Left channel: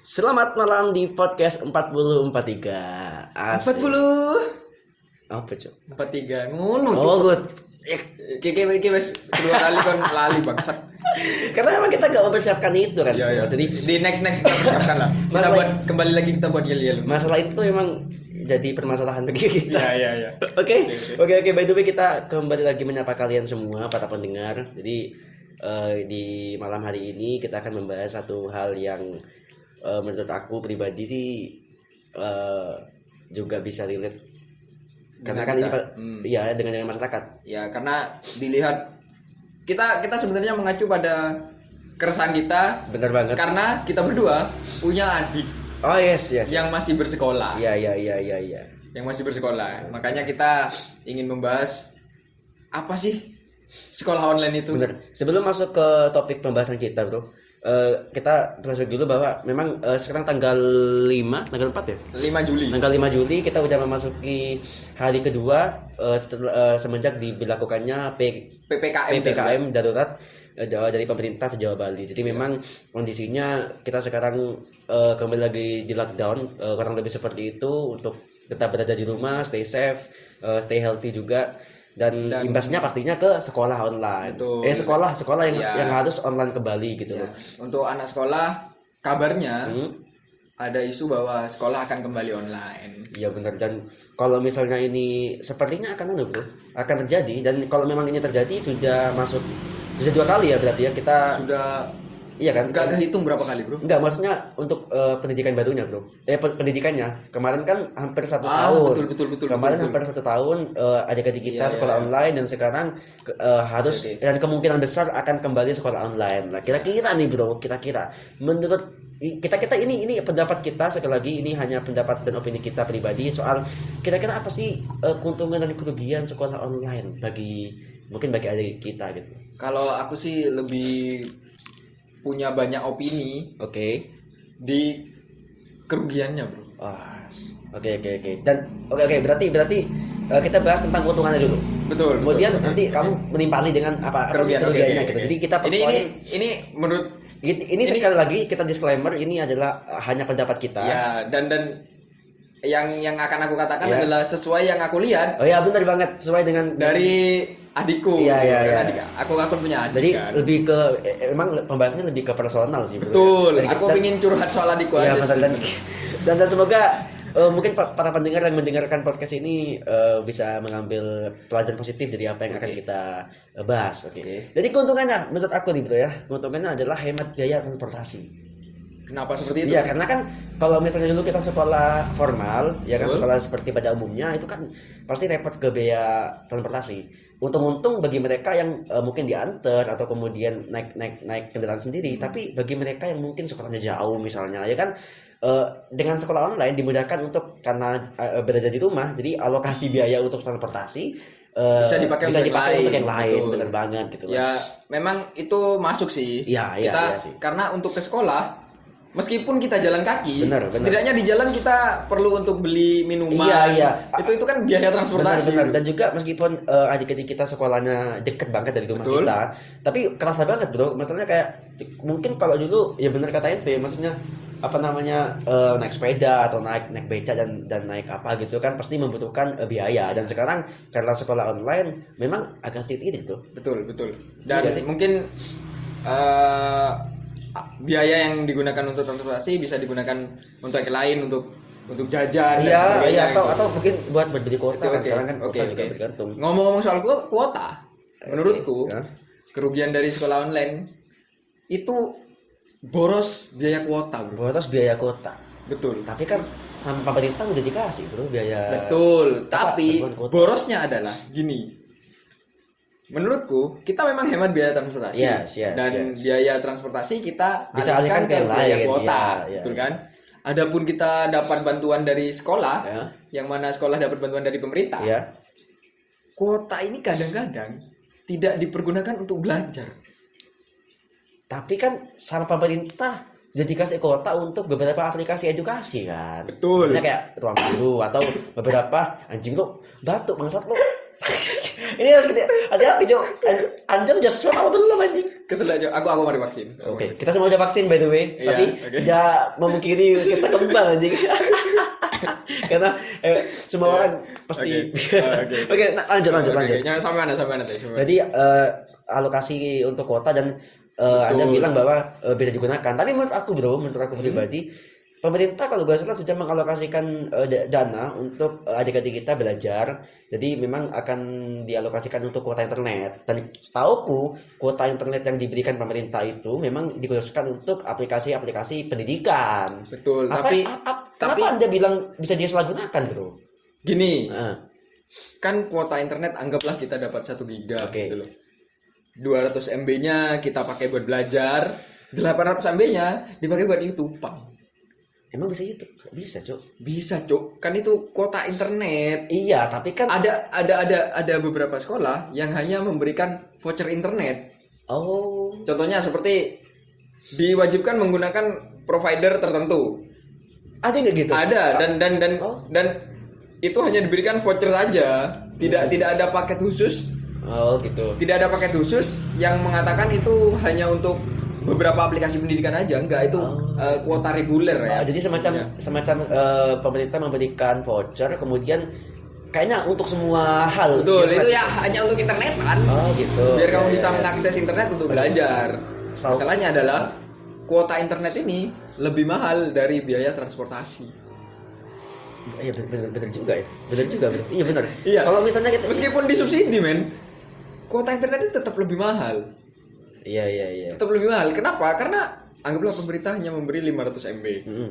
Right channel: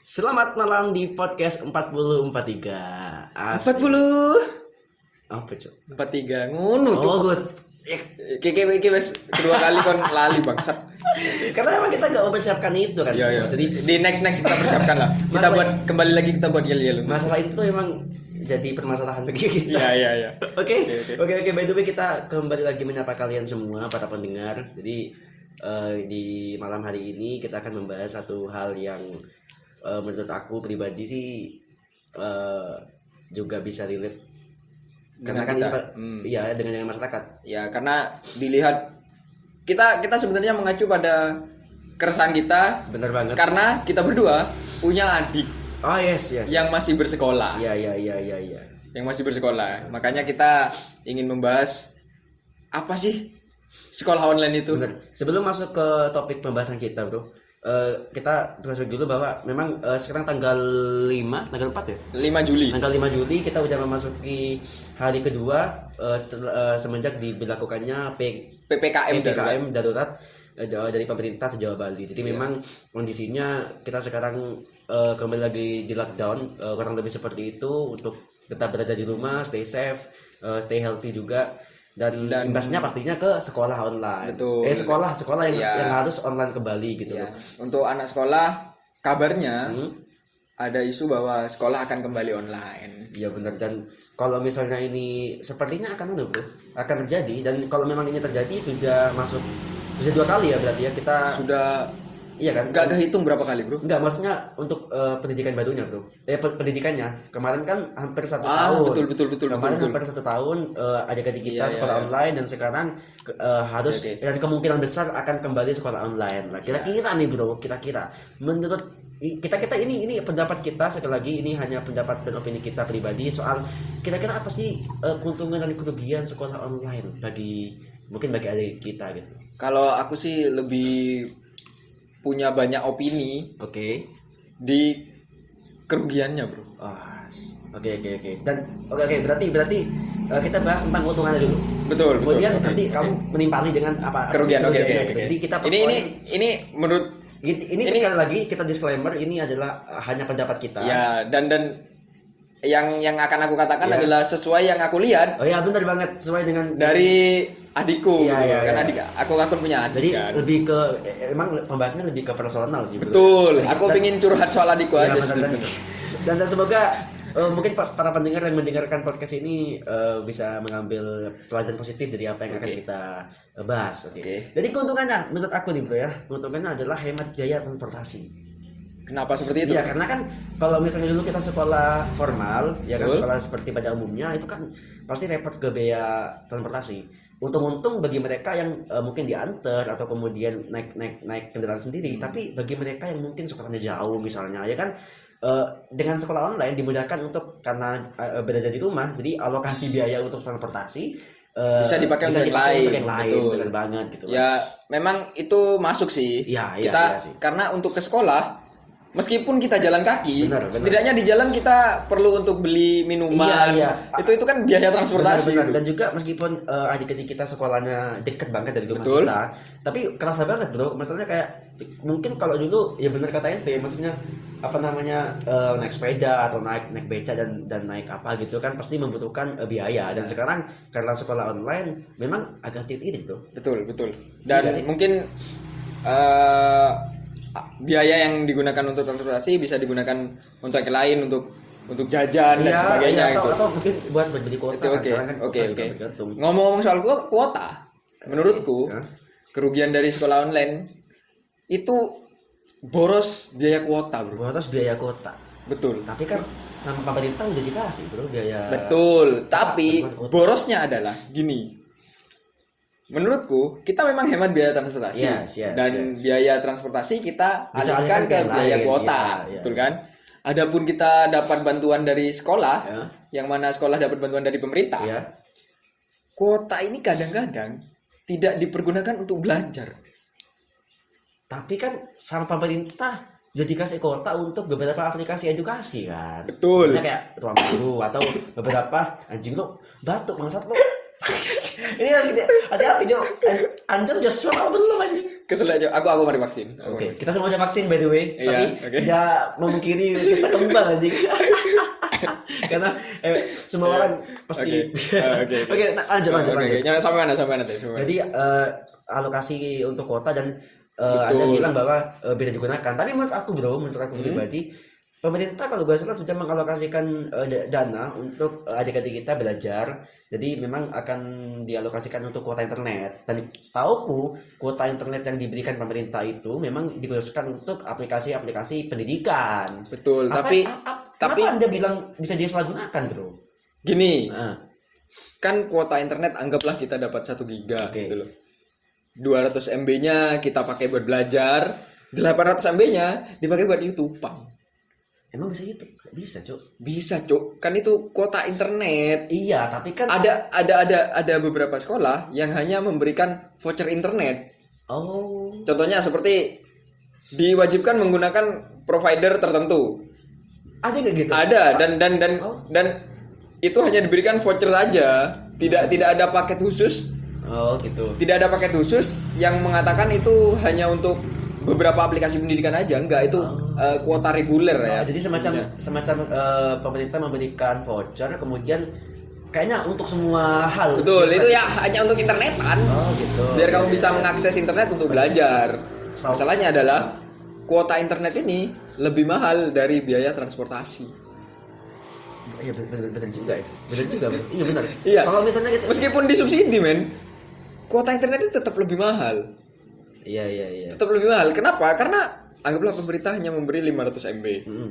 Selamat malam di podcast 4043. Asik. 40 Apa, Cuk? 43 ngono Oh, Cuk. good. Iki wis kedua kali kon lali bangsat. Karena memang kita gak mempersiapkan itu kan. Iya. Jadi Di next kita persiapkan lah. Kita Masalah- buat kembali lagi kita buat yel-yel. masalah itu memang jadi permasalahan bagi kita. Iya. Oke. Oke. By the way, kita kembali lagi menyapa kalian semua para pendengar. Jadi di malam hari ini kita akan membahas satu hal yang menurut aku pribadi sih juga bisa relate karena kan ini ya dengan masyarakat. Ya, karena dilihat kita sebenarnya mengacu pada keresahan kita Benar banget. karena kita berdua punya adik Oh yes. yang masih bersekolah. Iya. Yang masih bersekolah. Makanya kita ingin membahas apa sih sekolah online itu? Bener. Sebelum masuk ke topik pembahasan kita, bro, kita flashback dulu bahwa memang sekarang tanggal 4 ya? 5 Juli. Tanggal 5 Juli kita udah memasuki hari kedua semenjak diberlakukannya PPKM darurat dari pemerintah sejauh Bali. Jadi memang kondisinya kita sekarang kembali lagi di lockdown, kurang lebih seperti itu, untuk tetap berada di rumah, stay safe, stay healthy juga. Dan imbasnya pastinya ke sekolah online. Betul. Sekolah yang Iya. yang harus online kembali gitu Ya, loh. untuk anak sekolah kabarnya ada isu bahwa sekolah akan kembali online. Iya benar, dan kalau misalnya ini sepertinya akan terjadi, dan kalau memang ini terjadi sudah dua kali ya berarti ya kita Sudah iya kan? nggak kehitung berapa kali, Bro? Enggak, maksudnya untuk pendidikan barunya, bro. Pendidikannya kemarin kan hampir 1 tahun. Betul. Kemarin hampir 1 tahun adik-adik kita sekolah online, dan sekarang harus dan kemungkinan besar akan kembali sekolah online. Nah, kira-kira nih, bro, menurut kita ini pendapat kita, sekali lagi ini hanya pendapat dan opini kita pribadi soal kira-kira apa sih keuntungan dan kerugian sekolah online bagi adik kita gitu. Kalau aku sih lebih punya banyak opini Oke. di kerugiannya, Bro. Oke. Dan berarti kita bahas tentang keuntungannya dulu. Betul. Kemudian nanti kamu menimpali dengan apa Kerugian. kerugiannya Oke. gitu. Jadi kita ini menurut ini sekali lagi kita disclaimer, ini adalah hanya pendapat kita. ya, dan yang akan aku katakan Ya. adalah sesuai yang aku lihat Oh ya, benar banget, sesuai dengan dari adikku. Iya. Karena aku punya adik. Jadi kan. lebih ke emang pembahasannya lebih ke personal sih, bro. Betul. Dan Aku kita- ingin curhat soal adikku Ya, aja sih. dan semoga mungkin para pendengar yang mendengarkan podcast ini bisa mengambil pelajaran positif dari apa yang akan kita bahas. Oke. Jadi keuntungannya menurut aku nih, bro ya, keuntungannya adalah hemat biaya transportasi. Kenapa seperti itu? Iya, karena kan kalau misalnya dulu kita sekolah formal, ya kan, Betul. sekolah seperti pada umumnya itu kan pasti repot ke biaya transportasi. Untung-untung bagi mereka yang mungkin diantar atau kemudian naik kendaraan sendiri, tapi bagi mereka yang mungkin sekolahnya jauh misalnya, ya kan, dengan sekolah online dimudahkan untuk karena berada di rumah, jadi alokasi biaya untuk transportasi Bisa dipakai untuk yang lain. Betul. Benar banget gitu. Ya, memang itu masuk sih. Iya sih. Karena untuk ke sekolah, meskipun kita jalan kaki, Benar. setidaknya di jalan kita perlu untuk beli minuman. Iya. Itu kan biaya transportasi. Benar. Dan juga meskipun adik-adik kita sekolahnya deket banget dari rumah Betul. kita, tapi kerasa banget, bro. Masalahnya kayak mungkin kalau dulu ya benar kata ente, maksudnya naik sepeda atau naik beca dan naik apa gitu kan pasti membutuhkan biaya, dan sekarang karena sekolah online memang agak sedikit irit, bro. Betul. Dan Iya sih. mungkin biaya yang digunakan untuk transportasi bisa digunakan untuk yang lain, untuk jajan dan sebagainya. atau mungkin buat berbeli kuota. Oke. Sekarang kan Oke. kuota juga bergantung. Ngomong-ngomong soal kuota, menurutku Ya. kerugian dari sekolah online itu boros biaya kuota, Bro. Boros biaya kuota. Betul. Tapi kan sama pemerintah udah dikasih, bro, biaya. Betul. Tapi bantuan kuota. borosnya adalah gini. Menurutku kita memang hemat biaya transportasi. Yes. Dan biaya transportasi kita Bisa alihkan alihkan ke ke biaya lain, kuota, iya. betul kan? Adapun kita dapat bantuan dari sekolah, Ya. yang mana sekolah dapat bantuan dari pemerintah. Ya. Kuota ini kadang-kadang tidak dipergunakan untuk belajar. Tapi kan sama pemerintah sudah dikasih kuota untuk beberapa aplikasi edukasi kan. Betul. Misalnya kayak ruang guru atau beberapa anjing lo batuk bangsat lo. Ini harus kita hati-hati, Jo. Anda udah swab apa belum, anjing? Kesel aja. Aku mari vaksin. Oke, kita semua udah vaksin by the way, Iya, tapi oke. tidak memungkiri kita kembar anjing. Karena semua orang pasti. Oke, lanjut. Oke, sampai mana tadi? Jadi alokasi untuk kota dan ada bilang bahwa bisa digunakan. Tapi menurut aku pribadi, pemerintah kalau gak salah sudah mengalokasikan dana untuk adik-adik kita belajar. Jadi memang akan dialokasikan untuk kuota internet. Dan setauku kuota internet yang diberikan pemerintah itu memang dikhususkan untuk aplikasi-aplikasi pendidikan. Betul. Tapi Tapi Anda bilang bisa disalahgunakan, bro? gini, Nah, kan kuota internet anggaplah kita dapat 1 giga Oke. gitu loh. 200 MB-nya kita pakai buat belajar, 800 MB-nya dipakai buat YouTube. emang bisa gitu? Gak bisa, Cuk. Bisa, Cuk. Kan itu kuota internet. Iya, tapi kan Ada beberapa sekolah yang hanya memberikan voucher internet. oh, Contohnya seperti diwajibkan menggunakan provider tertentu. ada nggak gitu? Ada Oh. dan itu hanya diberikan voucher saja. Tidak ada paket khusus. Oh, gitu. Tidak ada paket khusus yang mengatakan itu hanya untuk beberapa aplikasi pendidikan aja. Enggak, itu kuota reguler ya. Jadi semacam pemerintah memberikan voucher, kemudian kayaknya untuk semua hal. Betul, itu ya hanya untuk internet kan. Oh, gitu. Biar kamu bisa mengakses internet untuk belajar. Masalahnya adalah kuota internet ini lebih mahal dari biaya transportasi. Iya, benar juga ya. Benar juga. Iya, benar. Iya. Kalau misalnya kita Meskipun disubsidi, men, kuota internet itu tetap lebih mahal. Iya. Tetap lebih mahal. Kenapa? Karena anggaplah pemerintah hanya memberi 500 MB. Mm-mm.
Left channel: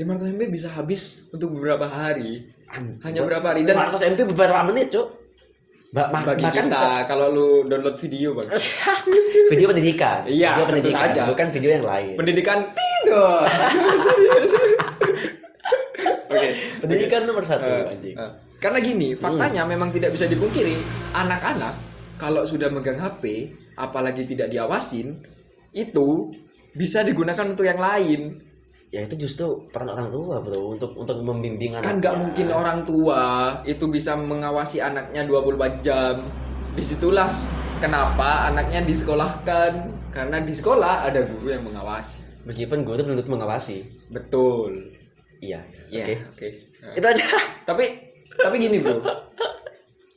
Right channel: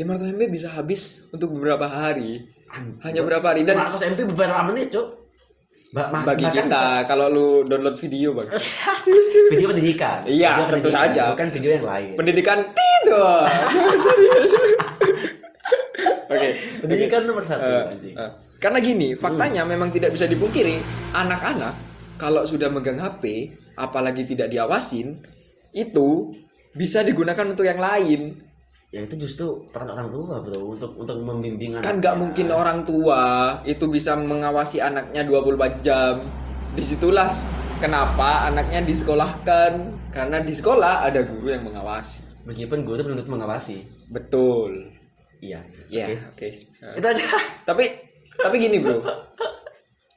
500 MB bisa habis untuk beberapa hari. Hanya beberapa hari. Dan 100 MB beberapa menit, Cuk. bagi Makan kita, kalau lu download video, Bang. video pendidikan. Iya, video tentu pendidikan, saja. bukan video yang lain. Pendidikan tidak. Oke. Pendidikan nomor 1 anjing. Karena gini, faktanya memang tidak bisa dipungkiri, anak-anak kalau sudah megang HP, apalagi tidak diawasin, itu bisa digunakan untuk yang lain. Ya itu justru peran orang tua, bro, untuk membimbing anak. Kan nggak mungkin orang tua itu bisa mengawasi anaknya 24 jam. Disitulah kenapa anaknya disekolahkan, karena di sekolah ada guru yang mengawasi. Meskipun guru belum tentu mengawasi. Betul. Iya. Iya. Oke. Oke. Itu aja. Tapi gini, bro.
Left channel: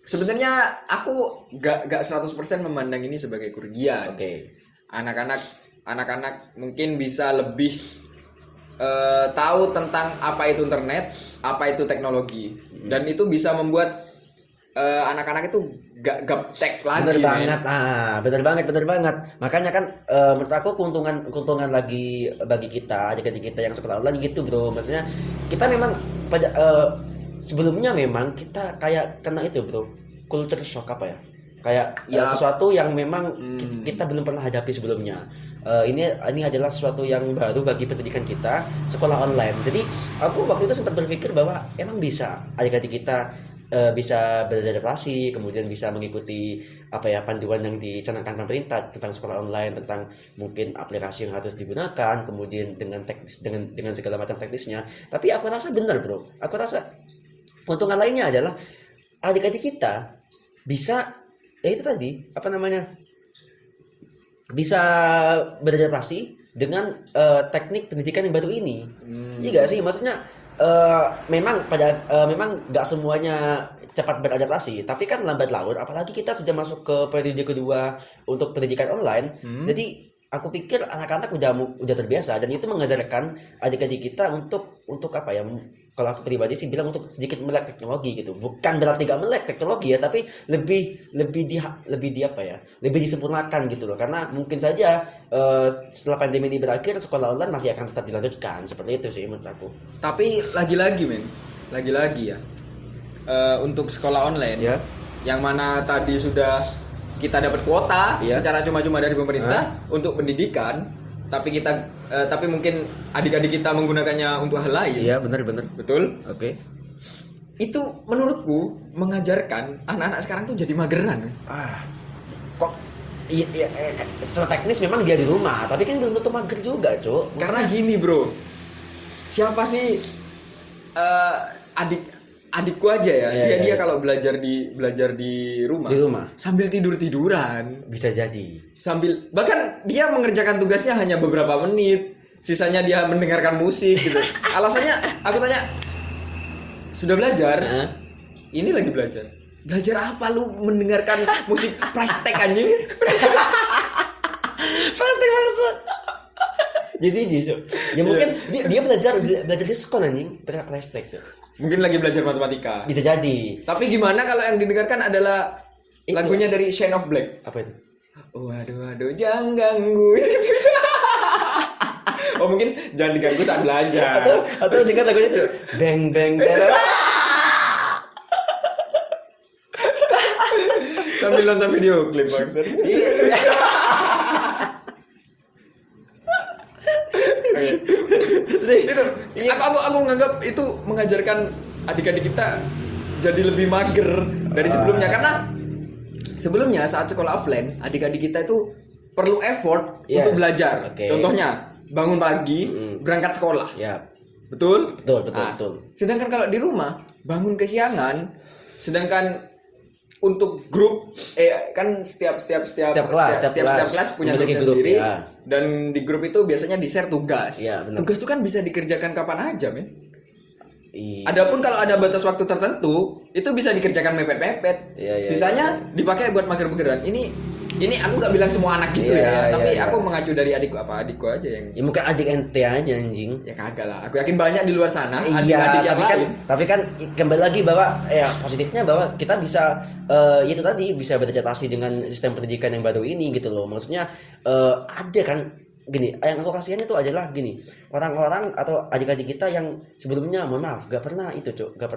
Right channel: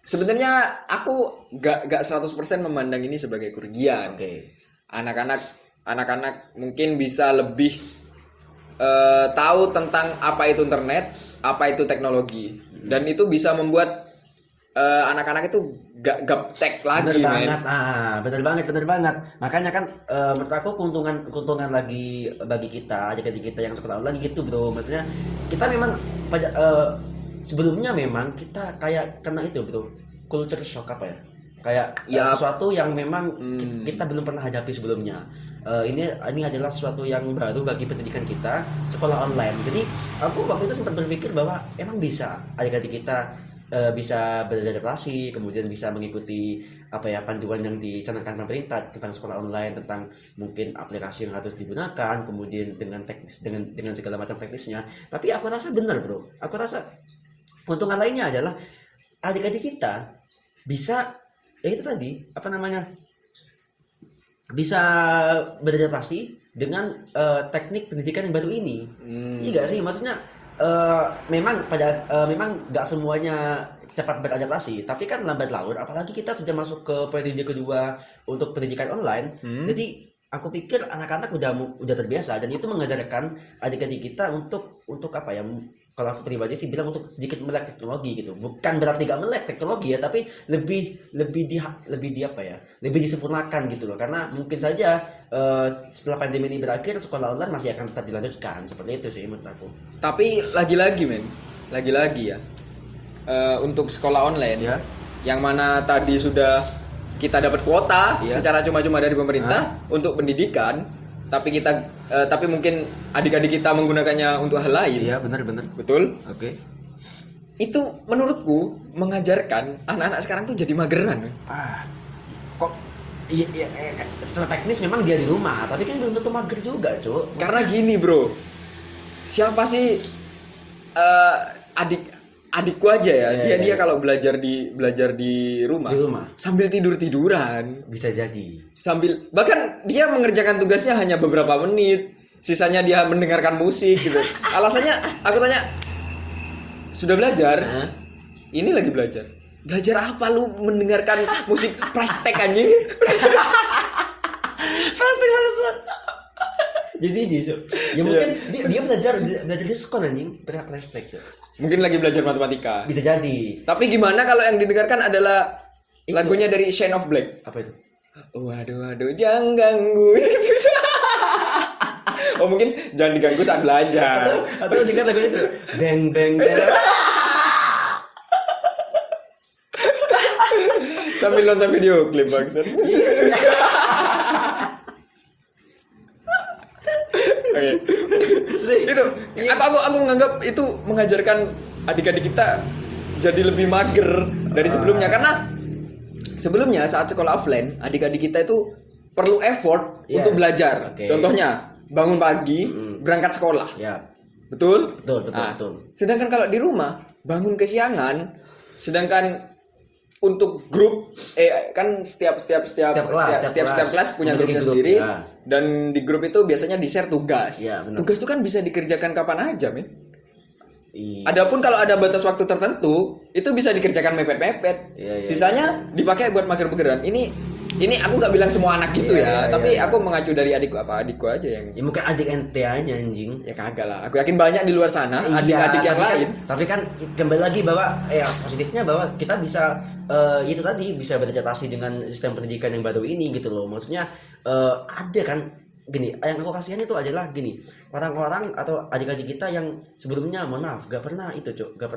Sebenarnya aku gak 100% memandang ini sebagai kerugian. Oke. Anak-anak mungkin bisa lebih tahu tentang apa itu internet, apa itu teknologi, dan itu bisa membuat anak-anak itu gak gaptek lagi. Bener banget. Makanya kan menurut aku keuntungan lagi bagi kita, adik-adik kita yang sekolah online gitu, bro. Maksudnya kita memang pada sebelumnya memang kita kayak kena itu, bro, culture shock apa ya? Kayak sesuatu yang memang kita belum pernah hadapi sebelumnya. Ini adalah sesuatu yang baru bagi pendidikan kita, sekolah online. Jadi aku waktu itu sempat berpikir bahwa emang bisa adik-adik kita bisa beradaptasi, kemudian bisa mengikuti panduan yang dicanangkan pemerintah tentang sekolah online, tentang mungkin aplikasi yang harus digunakan, kemudian dengan teknis dengan segala macam teknisnya. Tapi aku rasa benar, bro. Aku rasa keuntungan lainnya adalah adik-adik kita bisa itu tadi bisa beradaptasi dengan teknik pendidikan yang baru ini. Iya gak sih? Maksudnya memang nggak semuanya cepat beradaptasi, tapi kan lambat laun, apalagi kita sudah masuk ke periode kedua untuk pendidikan online. Jadi aku pikir anak-anak udah terbiasa, dan itu mengajarkan adik-adik kita untuk kalau aku pribadi sih bilang untuk sedikit melek teknologi gitu. Bukan berarti gak melek teknologi ya, tapi lebih disempurnakan gitu loh. Karena mungkin saja setelah pandemi ini berakhir, sekolah online masih akan tetap dilanjutkan. Seperti itu sih menurut aku. Tapi lagi-lagi ya, untuk sekolah online Ya. yang mana tadi sudah kita dapat kuota secara cuma-cuma dari pemerintah untuk pendidikan, tapi mungkin adik-adik kita menggunakannya untuk hal lain. Iya, benar. Betul? Oke. Itu menurutku mengajarkan anak-anak sekarang tuh jadi mageran. Kok iya, secara teknis memang dia di rumah, tapi kan belum tentu mager juga, Cuk. Karena gini, bro. Siapa sih adikku aja ya, Iya, dia iya. kalau belajar di rumah, Di rumah. sambil tiduran, Bisa jadi. sambil bahkan dia mengerjakan tugasnya hanya beberapa menit, sisanya dia mendengarkan musik gitu. Alasannya aku tanya, sudah belajar? Hah? Ini lagi belajar. Belajar apa lu mendengarkan musik plastik anjing? Pasti maksud. Jadi Cok. Ya mungkin dia belajar di sekolah anjing, praktek Cok. Mungkin lagi belajar matematika. Bisa jadi. Tapi gimana kalau yang didengarkan adalah Itu. lagunya dari Shine of Black? Apa itu? Waduh, jangan ganggu. Oh mungkin jangan diganggu saat belajar. Atau jika lagunya itu bang bang bang. Sambil nonton video klip bangsat. Itu aku nganggap itu mengajarkan adik-adik kita jadi lebih mager dari sebelumnya, karena sebelumnya saat sekolah offline adik-adik kita itu perlu effort Yes. untuk belajar. Oke. Contohnya bangun pagi, berangkat sekolah. Ya, Betul? betul. Nah, Betul. sedangkan kalau di rumah bangun kesiangan, sedangkan untuk grup kan setiap kelas punya memiliki grupnya grup, sendiri, ya. dan di grup itu biasanya di-share tugas. Iya, benar. Tugas itu kan bisa dikerjakan kapan aja, men. Iya. Adapun kalau ada batas waktu tertentu, itu bisa dikerjakan mepet-mepet. Iya, iya, Sisanya dipakai buat mager-mageran. Ini aku nggak bilang semua anak gitu Iya, ya, iya, tapi iya. aku mengacu dari adikku aja yang Ya mungkin adik ente aja anjing. ya kagak lah. Aku yakin banyak di luar sana Iya, adik-adik yang lain. tapi kan kembali lagi bahwa ya positifnya bahwa kita bisa itu tadi bisa beradaptasi dengan sistem pendidikan yang baru ini gitu loh. Maksudnya ada kan gini, yang aku kasihan itu adalah gini, orang-orang atau adik-adik kita yang sebelumnya mohon maaf gak pernah itu Cuk, gak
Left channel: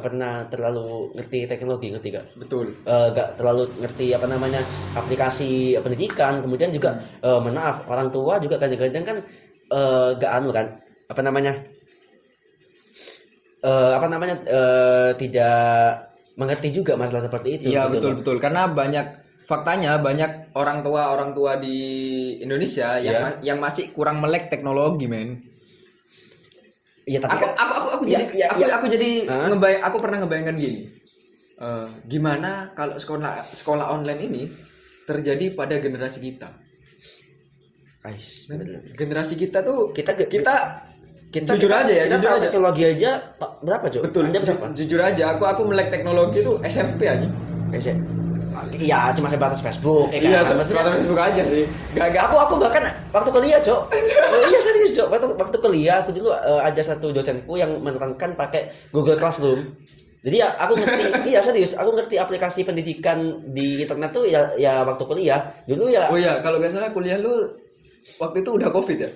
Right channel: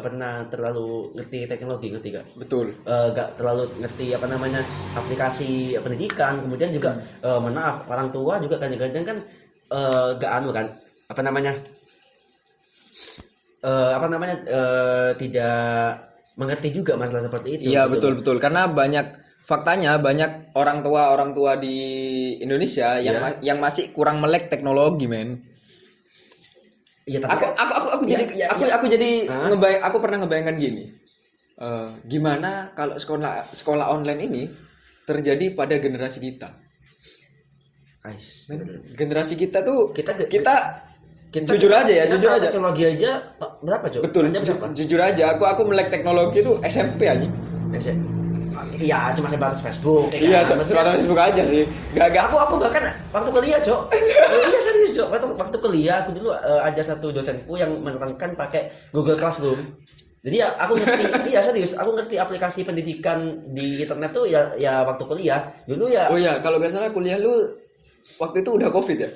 pernah terlalu ngerti teknologi, ngerti gak? Betul. Gak terlalu ngerti apa namanya aplikasi pendidikan, kemudian juga mohon maaf orang tua juga kadang-kadang kan gak anu kan apa namanya tidak mengerti juga masalah seperti itu. Iya, gitu. betul. Karena faktanya banyak orang tua di Indonesia yang masih kurang melek teknologi, men. Iya, tapi Aku jadi aku pernah ngebayangkan gini. Gimana kalau sekolah online ini terjadi pada generasi kita? Ais, Generasi kita tuh kita jujur aja. teknologi aja berapa Cok? Betul. Anda berapa? Jujur aja, aku melek teknologi tuh SMP aja. Iya, cuma sebatas Facebook. Iya, sebatas Facebook aja sih. Aku bahkan waktu kuliah, Cok. Iya serius, Cok. Waktu kuliah aku dulu ada satu dosenku yang menerangkan pakai Google Classroom. Jadi ya aku ngerti, iya serius, aku ngerti aplikasi pendidikan di internet tuh ya waktu kuliah. Dulu ya. Oh iya, kalau nggak salah kuliah lu waktu itu udah COVID ya?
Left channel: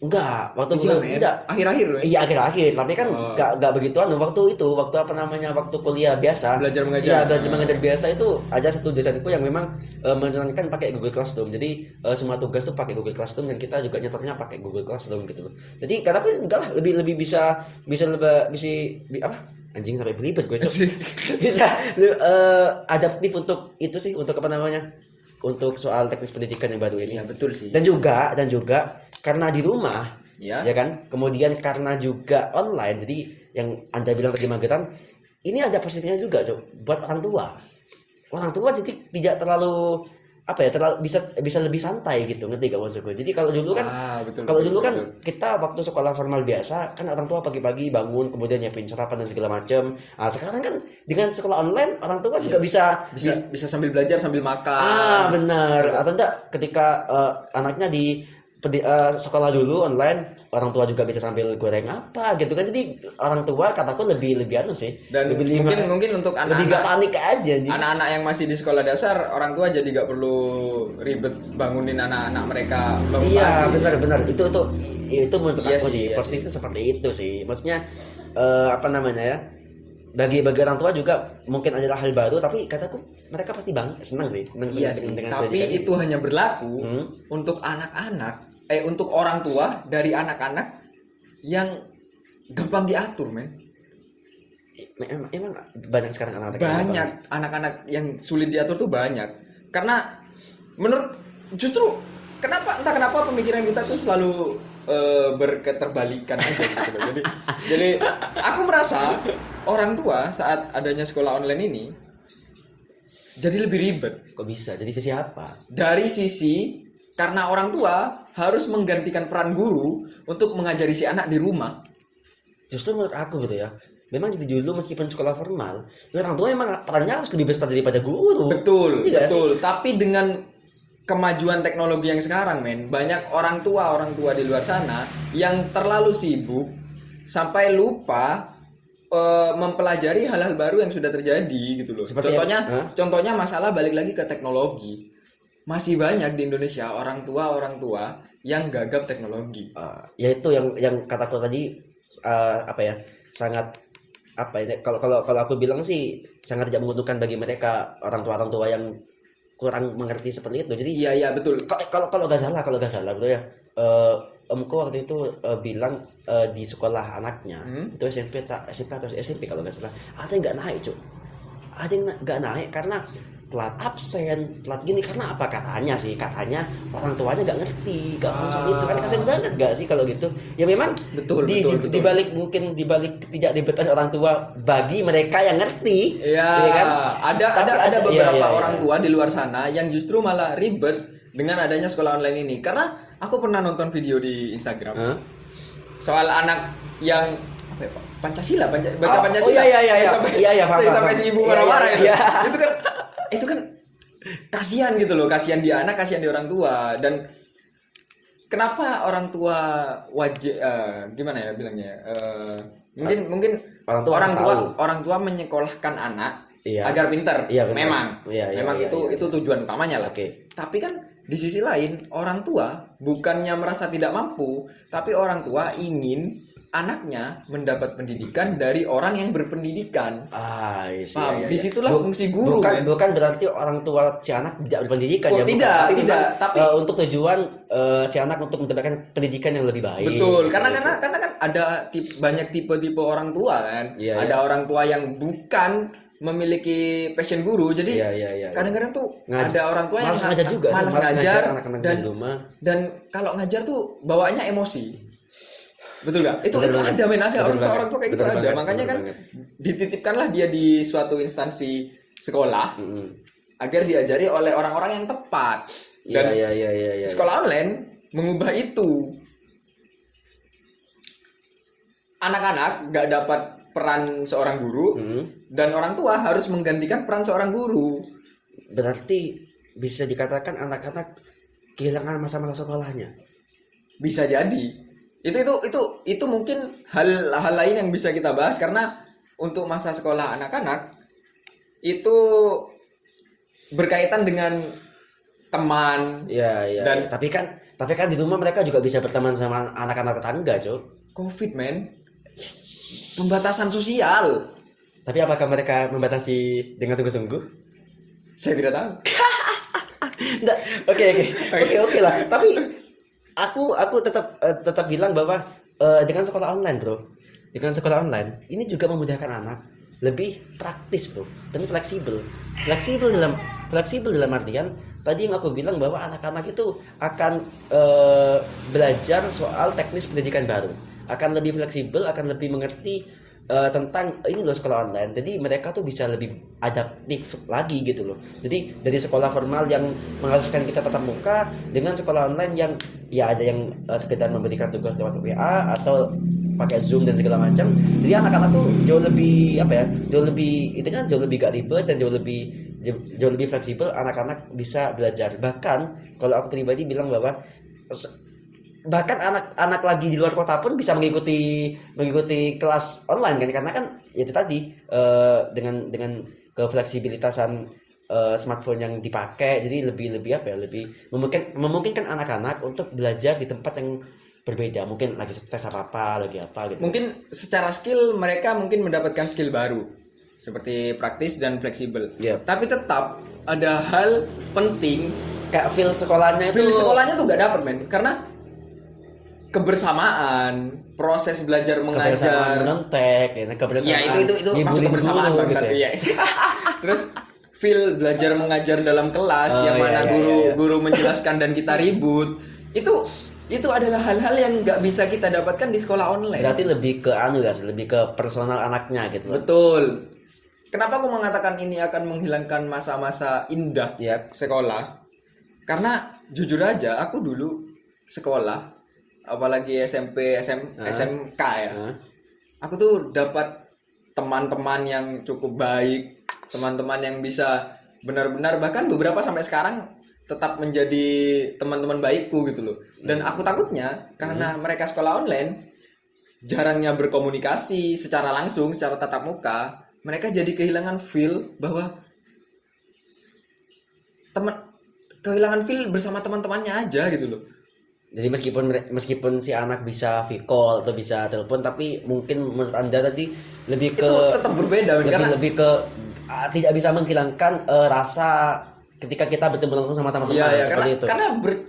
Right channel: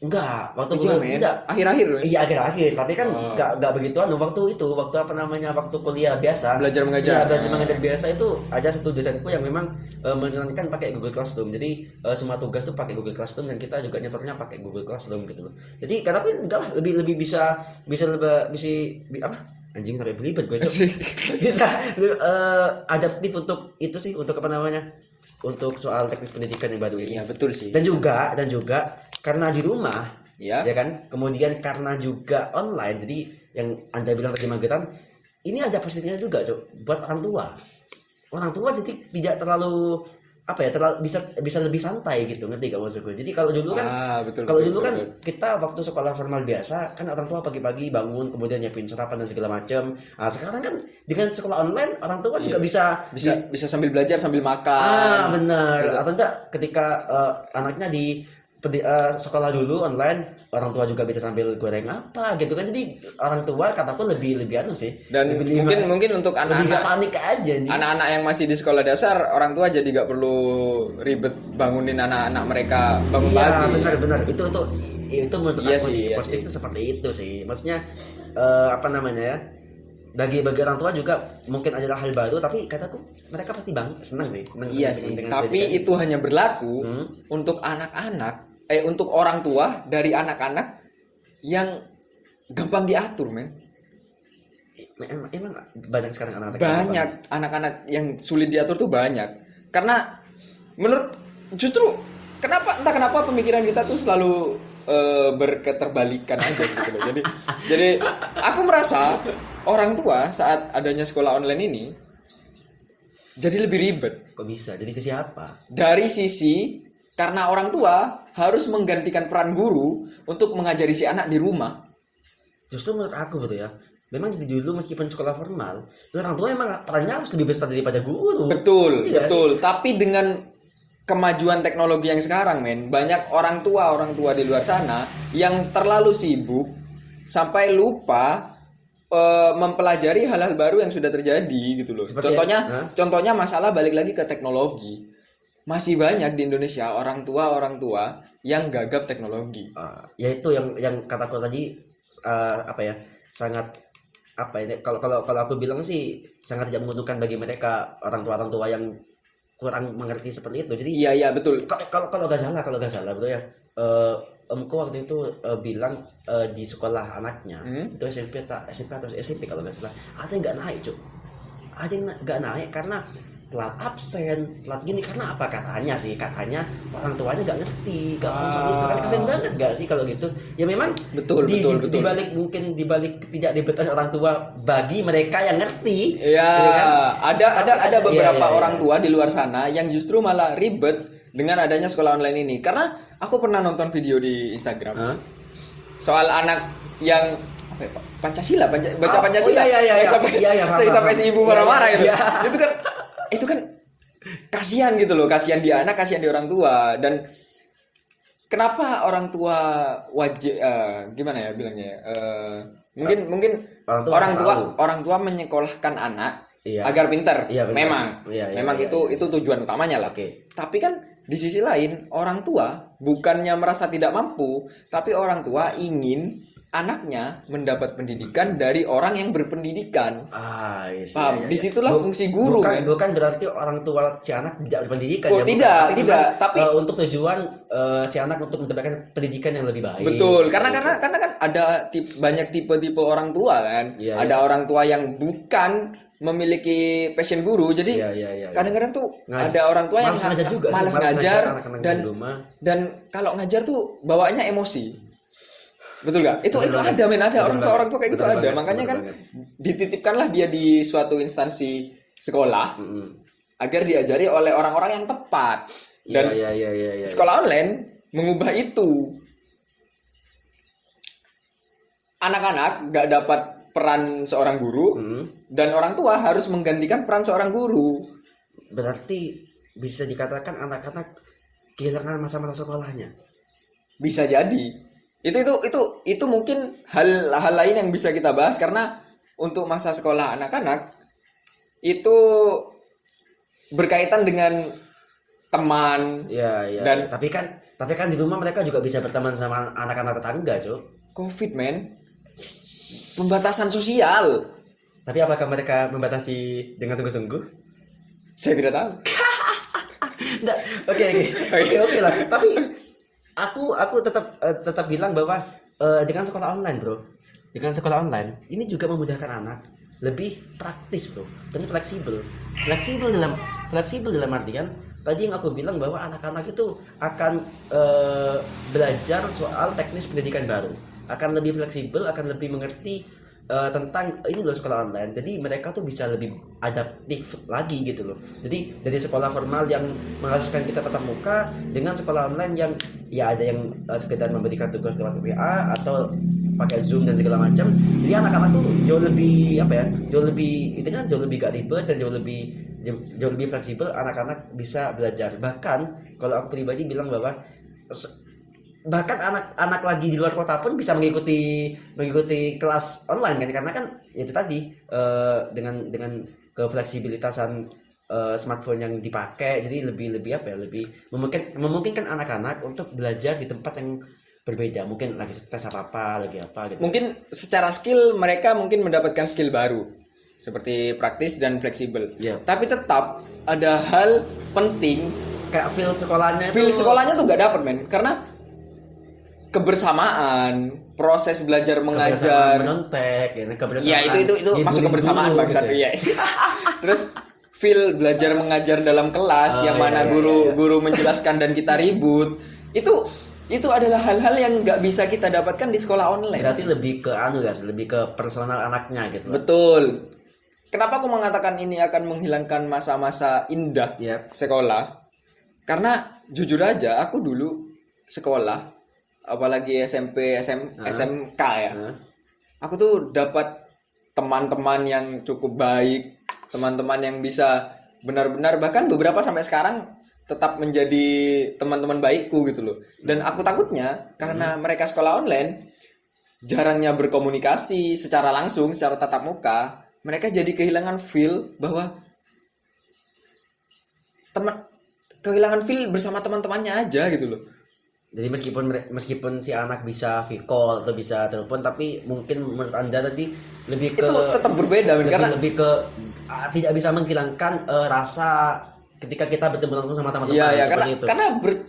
Enggak, waktu Iya, kuliah enggak. Akhir-akhir loh. Iya akhir-akhir, tapi kan enggak begituan. Waktu apa namanya waktu kuliah biasa. Belajar mengajar. Iya, belajar mengajar biasa itu ada satu dosenku yang memang menerangkan pakai Google Classroom. Jadi semua tugas tuh pakai Google Classroom dan kita juga nyetornya pakai Google Classroom gitu loh. Jadi tapi enggak lah lebih bisa apa? Anjing sampai beribet gue Cok. Bisa adaptif untuk itu sih, untuk apa namanya? Untuk soal teknis pendidikan yang baru ini. Iya, betul sih. Dan juga karena di rumah, ya kan, kemudian karena juga online, jadi yang Anda bilang tadi mageran, ini ada positifnya juga Cok, buat orang tua jadi tidak terlalu bisa lebih santai gitu, ngerti gak maksudku? Jadi kalau dulu kan kita waktu sekolah formal biasa kan orang tua pagi-pagi bangun kemudian nyiapin sarapan dan segala macam. Sekarang kan dengan sekolah online orang tua juga bisa sambil belajar sambil makan. Benar. Atau enggak ketika anaknya di sekolah dulu online, orang tua juga bisa sambil goreng apa gitu kan. Jadi orang tua kataku lebih anu sih. Dan mungkin untuk lebih gak panik aja nih. Anak-anak yang masih di sekolah dasar, orang tua jadi gak perlu ribet bangunin anak-anak mereka bangun pagi. Iya, benar. Itu menurut aku sih, positifnya seperti itu sih. Maksudnya apa namanya ya? Bagi orang tua juga mungkin adalah hal baru, tapi kataku mereka pasti senang Iya sih. Tapi itu hanya berlaku untuk anak-anak, untuk orang tua dari anak-anak yang gampang diatur, men. Emang banyak sekarang anak-anak yang sulit diatur tuh banyak. Karena menurut entah kenapa pemikiran kita tuh selalu berketerbalikan aja gitu loh. Jadi aku merasa orang tua saat adanya sekolah online ini jadi lebih ribet. Kok bisa? Jadi sisi apa? Dari sisi karena orang tua harus menggantikan peran guru untuk mengajari si anak di rumah. Justru menurut aku gitu ya, memang di dulu meskipun sekolah formal, orang tua memang perannya harus lebih besar daripada guru. Betul, Iya betul. Tapi dengan kemajuan teknologi yang sekarang, men, banyak orang tua di luar sana yang terlalu sibuk sampai lupa mempelajari hal-hal baru yang sudah terjadi gitu loh. Seperti Contohnya masalah balik lagi ke teknologi. Masih banyak di Indonesia orang tua yang gagap teknologi. Ya itu yang kataku tadi apa ya, sangat apa ya, kalau aku bilang sih sangat tidak menguntungkan bagi mereka orang tua yang kurang mengerti seperti itu. Jadi iya betul. Kalau nggak salah betul ya. Omku waktu itu bilang di sekolah anaknya itu SMP atau SMP kalau nggak salah, ada yang nggak naik, Cuk. Ada yang nggak naik karena telat absen, telat gini. Karena apa? Katanya orang tuanya nggak ngerti, nggak paham soal itu. Kan kasian banget nggak sih kalau gitu? Ya memang betul. Dibalik tidak dibetan orang tua bagi mereka yang ngerti. Iya. Gitu kan? Ada beberapa iya. orang tua di luar sana yang justru malah ribet dengan adanya sekolah online ini. Karena aku pernah nonton video di Instagram soal anak yang apa ya, Pak? Pancasila, baca Pancasila. Sampai si ibu marah-marah itu. Itu kan kasihan gitu loh, kasihan di anak, kasihan di orang tua. Dan kenapa orang tua wajib gimana ya bilangnya? Mungkin orang tua menyekolahkan anak agar pintar. Memang itu tujuan utamanya lah. Tapi kan di sisi lain orang tua bukannya merasa tidak mampu, tapi orang tua ingin anaknya mendapat pendidikan dari orang yang berpendidikan. Paham? Disitulah fungsi guru. Bukan berarti orang tua si anak tidak berpendidikan. Tidak. Tapi untuk tujuan si anak untuk mendapatkan pendidikan yang lebih baik. Betul. Karena kan ada banyak tipe-tipe orang tua kan. Ada orang tua yang bukan memiliki passion guru. Jadi kadang-kadang tuh ada orang tua yang malas ngajar dan kalau ngajar tuh bawaannya emosi. Betul gak? Itu ada men, ada orang tua kayak gitu ada. Makanya kan dititipkanlah dia di suatu instansi sekolah agar diajari oleh orang-orang yang tepat. Dan sekolah online mengubah itu. Anak-anak gak dapat peran seorang guru dan orang tua harus menggantikan peran seorang guru. Berarti bisa dikatakan anak-anak kehilangan masa-masa sekolahnya. Bisa jadi. Itu mungkin hal lain yang bisa kita bahas, karena untuk masa sekolah anak-anak itu berkaitan dengan teman. Dan tapi kan di rumah mereka juga bisa berteman sama anak-anak tetangga, Cuk. Covid, men. Pembatasan sosial. Tapi apakah mereka membatasi dengan sungguh-sungguh? Saya tidak tahu. Oke lah. Tapi aku tetap bilang bahwa dengan sekolah online, bro, dengan sekolah online ini juga memudahkan anak, lebih praktis, bro, dan fleksibel dalam artian tadi yang aku bilang bahwa anak-anak itu akan belajar soal teknis pendidikan baru, akan lebih fleksibel, akan lebih mengerti tentang ini loh sekolah online. Jadi mereka tuh bisa lebih adaptif lagi gitu loh. Jadi dari sekolah formal yang mengharuskan kita tatap muka dengan sekolah online yang ya ada yang sekedar memberikan tugas lewat WA atau pakai Zoom dan segala macam. Jadi anak-anak tuh jauh lebih jauh lebih gak ribet dan jauh lebih fleksibel. Anak-anak bisa belajar. Bahkan kalau aku pribadi bilang bahwa bahkan anak-anak lagi di luar kota pun bisa mengikuti kelas online kan, karena kan itu tadi dengan kefleksibilitasan smartphone yang dipakai, jadi lebih memungkinkan anak-anak untuk belajar di tempat yang berbeda, mungkin lagi stres apa gitu. Mungkin secara skill mereka mungkin mendapatkan skill baru seperti praktis dan fleksibel. Tapi tetap ada hal penting kayak feel sekolahnya tuh gak dapet, men, karena kebersamaan, proses belajar mengajar, nontek, kebersamaan. Itu masuk kebersamaan bangsat. Gitu. Terus feel belajar mengajar dalam kelas yang mana guru menjelaskan dan kita ribut. Itu itu adalah hal-hal yang nggak bisa kita dapatkan di sekolah online. Berarti lebih ke guys, lebih ke personal anaknya gitu loh. Betul. Kenapa aku mengatakan ini akan menghilangkan masa-masa indah Ya. sekolah? Karena jujur aja aku dulu sekolah, apalagi SMP, SMK ya. Aku tuh dapat teman-teman yang cukup baik, teman-teman yang bisa benar-benar, bahkan beberapa sampai sekarang tetap menjadi teman-teman baikku gitu loh. Dan aku takutnya karena mereka sekolah online, jarangnya berkomunikasi secara langsung, secara tatap muka, mereka jadi kehilangan feel bahwa kehilangan feel bersama teman-temannya aja gitu loh. Jadi meskipun si anak bisa video call atau bisa telepon, tapi mungkin menurut Anda tadi lebih ke Itu tetap berbeda karena lebih ke tidak bisa menghilangkan rasa ketika kita bertemu langsung sama teman-teman. iya, seperti itu. karena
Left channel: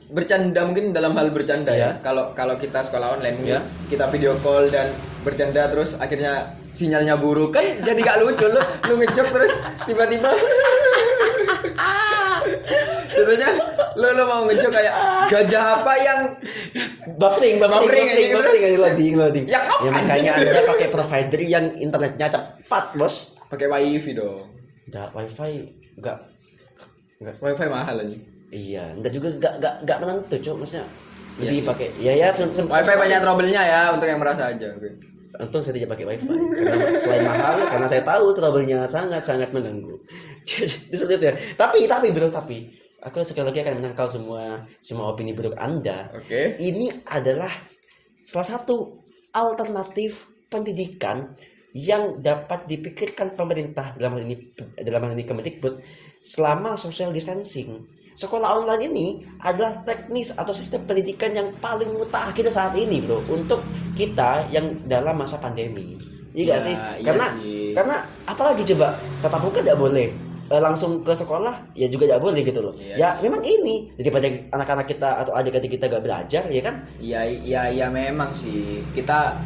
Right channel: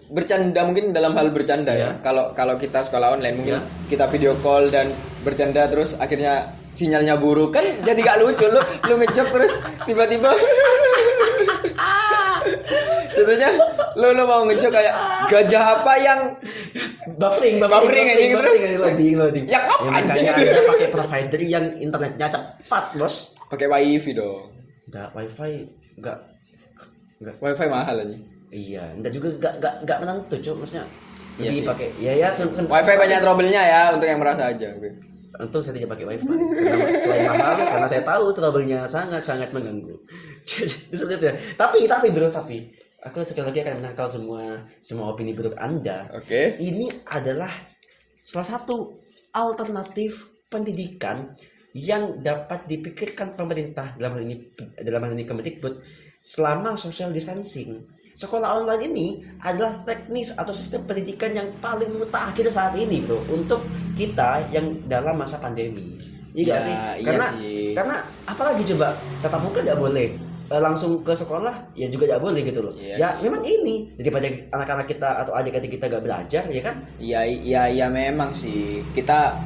bercanda mungkin dalam hal bercanda ya. Kalau kita sekolah online mungkin kita video call dan bercanda terus akhirnya sinyalnya buruk kan jadi gak lucu. Lu ngejok terus tiba-tiba contohnya lu mau ngejok kayak gajah apa yang buffering anjing gitu. loading. Yang apa anjing? Makanya Anda pakai provider yang internetnya cepat, Bos. Pakai wifi dong. Enggak, wifi enggak. Wifi mahal anjing. Iya, enggak juga enggak menentu, Cuk, maksudnya. Iya Jadi sih. pakai Wifi banyak trouble-nya ya untuk yang merasa aja. Oke. Untung saya tidak pakai wifi karena selain mahal, karena saya tahu trouble-nya sangat mengganggu. Jadi seperti itu ya. Tapi bro, aku sekali lagi akan menyangkal semua opini buruk Anda. Oke. Ini adalah salah satu alternatif pendidikan yang dapat dipikirkan pemerintah dalam hal ini Kemendikbud selama social distancing. Sekolah online ini adalah teknis atau sistem pendidikan yang paling mutakhir saat ini, bro, untuk kita yang dalam masa pandemi. Iya gak sih? Karena apalagi coba tatap muka tidak boleh, langsung ke sekolah ya juga tidak boleh gitu loh. Iya Ya sih. memang ini daripada anak-anak kita atau adik-adik kita gak belajar, ya kan? Iya memang sih. Kita